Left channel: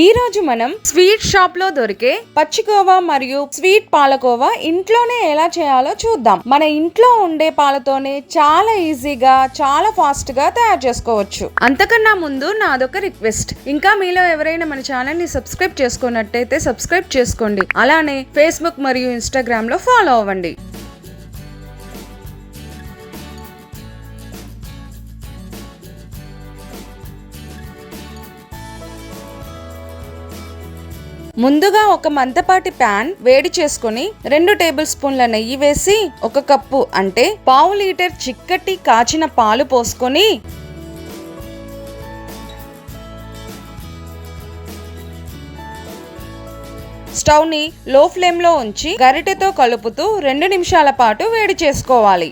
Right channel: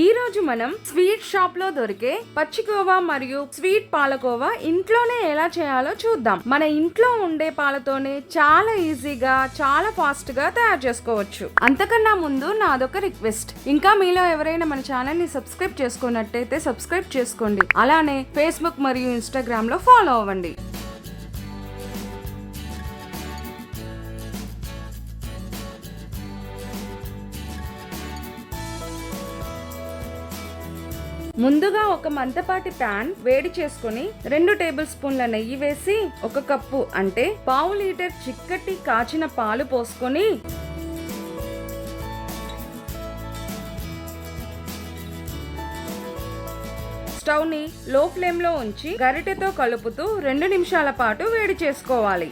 ఈ రోజు మనం స్వీట్ షాప్ లో దొరికే పచ్చికోవా మరియు స్వీట్ పాలకోవా ఇంట్లోనే ఎలా చేయాలో చూద్దాం. మన ఇంట్లో ఉండే పాలతోనే చాలా ఈజీగా చాలా ఫాస్ట్ గా తయారు చేసుకోవచ్చు. అంతకన్నా ముందు నాదొక రిక్వెస్ట్, ఇంకా మీలో ఎవరైనా మన ఛానల్ ని సబ్స్క్రైబ్ చేసుకున్నట్టయితే సబ్స్క్రైబ్ చేసుకోండి. అలానే ఫేస్బుక్ మరియు ఇన్స్టాగ్రామ్ లో ఫాలో అవ్వండి. ముందుగా ఒక మందపాటి ప్యాన్ వేడి చేసుకుని 2 టేబుల్ స్పూన్ల నెయ్యి వేసి 1 కప్పు అంటే పావు లీటర్ చిక్కటి కాచిన పాలు పోసుకొని స్టవ్ ని లో ఫ్లేమ్ లో ఉంచి గరిటెతో కలుపుతూ 2 నిమిషాల పాటు వేడి చేసుకోవాలి.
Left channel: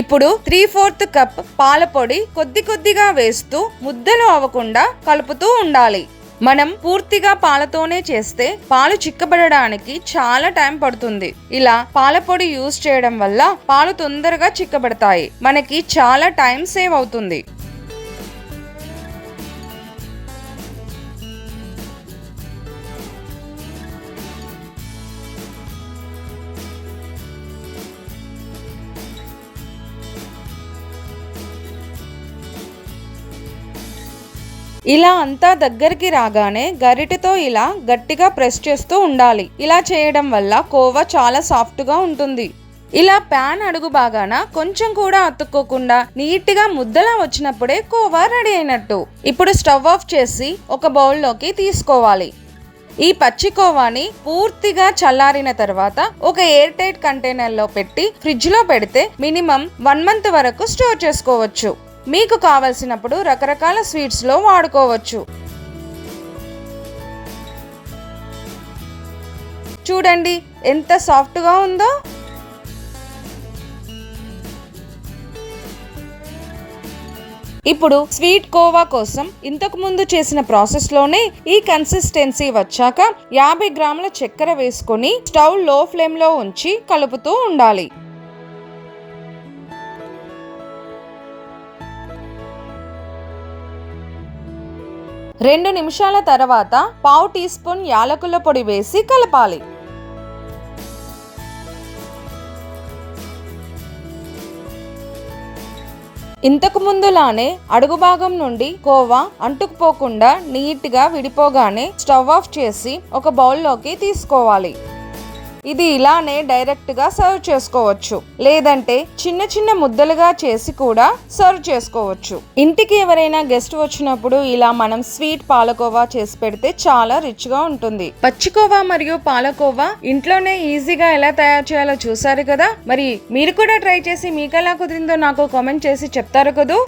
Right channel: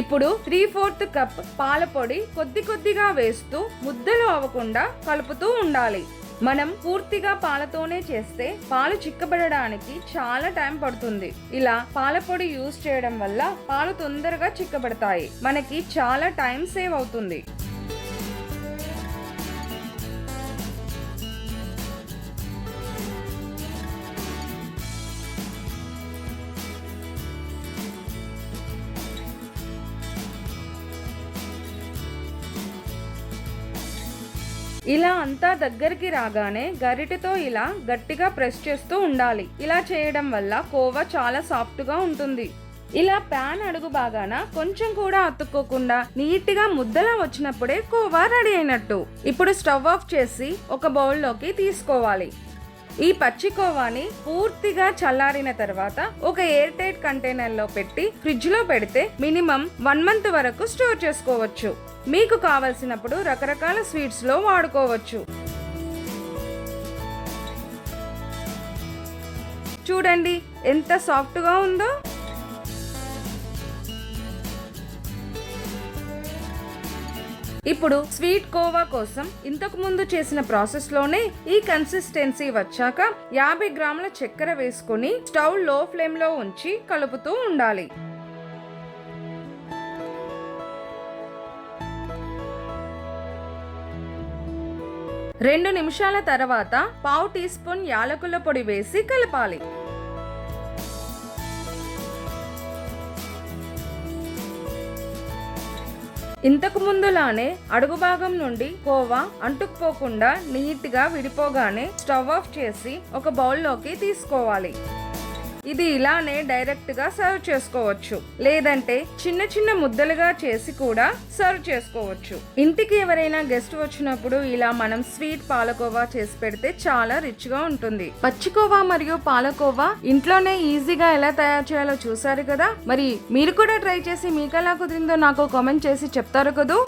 ఇప్పుడు 3/4 కప్ పాల పొడి కొద్దిగా వేస్తూ ముద్దలు అవ్వకుండా కలుపుతూ ఉండాలి. మనం పూర్తిగా పాలతోనే చేస్తే పాలు చిక్కబడడానికి చాలా టైం పడుతుంది. ఇలా పాల పొడి యూజ్ చేయడం వల్ల పాలు తొందరగా చిక్కబడతాయి, మనకి చాలా టైం సేవ్ అవుతుంది. ఇలా అంతా దగ్గరికి రాగానే గరిటెతో ఇలా గట్టిగా ప్రెస్ చేస్తూ ఉండాలి. ఇలా చేయడం వల్ల కోవా చాలా సాఫ్ట్ గా ఉంటుంది. ఇలా ప్యాన్ అడుగు భాగాన కొంచెం కూడా అతుక్కోకుండా నీట్ గా ముద్దలా వచ్చినప్పుడే కోవా రెడీ అయినట్టు. ఇప్పుడు స్టవ్ ఆఫ్ చేసి ఒక బౌల్లోకి తీసుకోవాలి. ఈ పచ్చికోవాని పూర్తిగా చల్లారిన తర్వాత ఒక ఎయిర్ టైట్ కంటైనర్ లో పెట్టి ఫ్రిడ్జ్ లో పెడితే మినిమం 1 మంత్ వరకు స్టోర్ చేసుకోవచ్చు. మీకు కావలసినప్పుడు రకరకాల స్వీట్స్ లో వాడుకోవచ్చు. చూడండి ఎంత సాఫ్ట్ గా ఉందో. ఇప్పుడు స్వీట్ కోవా కోసం ఇంతకు ముందు చేసిన ప్రాసెస్ లోనే ఈ కన్సిస్టెన్సీ వచ్చాక 50 గ్రాముల చక్కెర వేసుకొని స్టవ్ లో ఫ్లేమ్ లో ఉంచి కలుపుతూ ఉండాలి. రెండు నిమిషాల తర్వాత పావు టీ స్పూన్ యాలకుల పొడి వేసి కలపాలి. ఇంతకు ముందులానే అడుగు భాగం నుండి కోవా అంటుకుపోకుండా నీట్ గా విడిపోగానే స్టవ్ ఆఫ్ చేసి ఒక బౌల్లోకి తీసుకోవాలి. ఇది ఇలానే డైరెక్ట్ గా సర్వ్ చేసుకోవచ్చు, లేదంటే చిన్న చిన్న ముద్దలుగా చేసి కూడా సర్వ్ చేసుకోవచ్చు. ఇంటికి ఎవరైనా గెస్ట్ వచ్చినప్పుడు ఇలా మనం స్వీట్ పాలకోవా చేసి పెడితే చాలా రిచ్ గా ఉంటుంది. పచ్చికోవా మరియు పాలకోవా ఇంట్లోనే ఈజీగా ఎలా తయారు చేయాలో చూసారు కదా. మరి మీరు కూడా ట్రై చేసి మీకు ఎలా కుదిరిందో నాకు కామెంట్ చేసి చెప్తారు కదా.